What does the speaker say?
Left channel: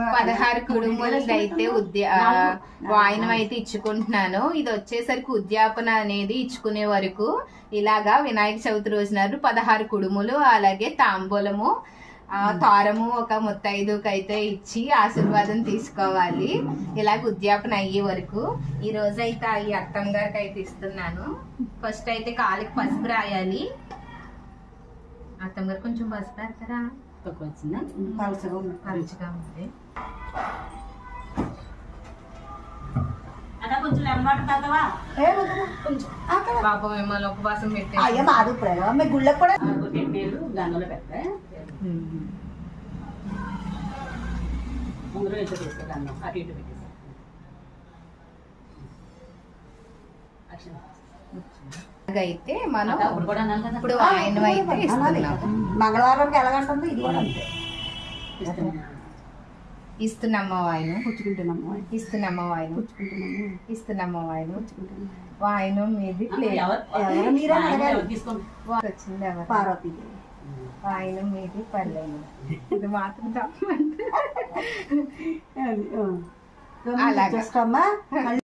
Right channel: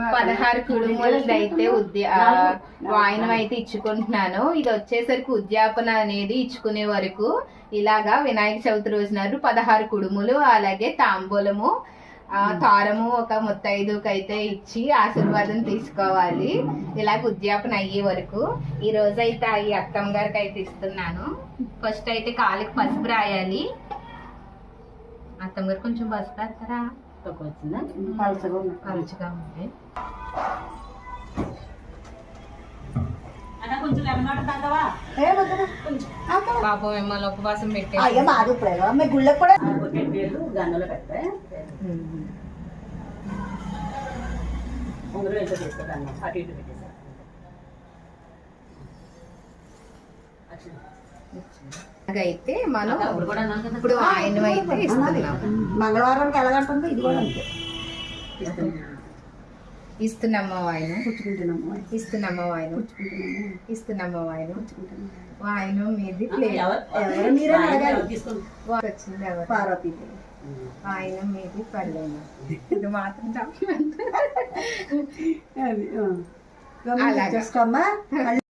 16 కుడుములది అయితే వాయినం అయితే ఇచ్చుకుంటున్నాను. ఇది వచ్చేసరికి ఉద్యాపన అనేది ఇచ్చుకునే వరకు ఇలాగా వినాయక చవితి రోజు నాడు 16 కుడుములు అలాగే తాంబూలము తారము ఒక ముత్తైదుకి అయితే ఇచ్చి ఆశీర్వాదం తీసుకోవాలి. ఇలాగ ఉద్యాపన అయ్యే వరకు ఈ రోజు అయితే ఈ అత్తమ్మ గారికి అయితే ఇస్తున్నాను. ఫస్ట్ అయితే కాలికి పసుపు రాయాలి. అత్తమ్మ గారు కొంచెం పసుపు రాస్తారా? పలుచగా ఉంది. పాపం మిమ్మల్ని ఉపవాసం పెట్టారు. అయితే మనం ఇప్పుడు ఆయన అయితే మంగళవారానికి ఎలాగంటుందో ఇది కూడా అంతే. ఇస్తున్నామ్మా వాయిను పుచ్చుకుంటున్నాము, ఇస్తున్నామ్మా వాయిను ఇస్తున్నామ్మా వాయిను వాయిను మీది వచ్చింది ఎవరు పార్వతీ వాయిను మీది పల్లెము. ఇది మాత్రం చెప్పమంటే అలాగే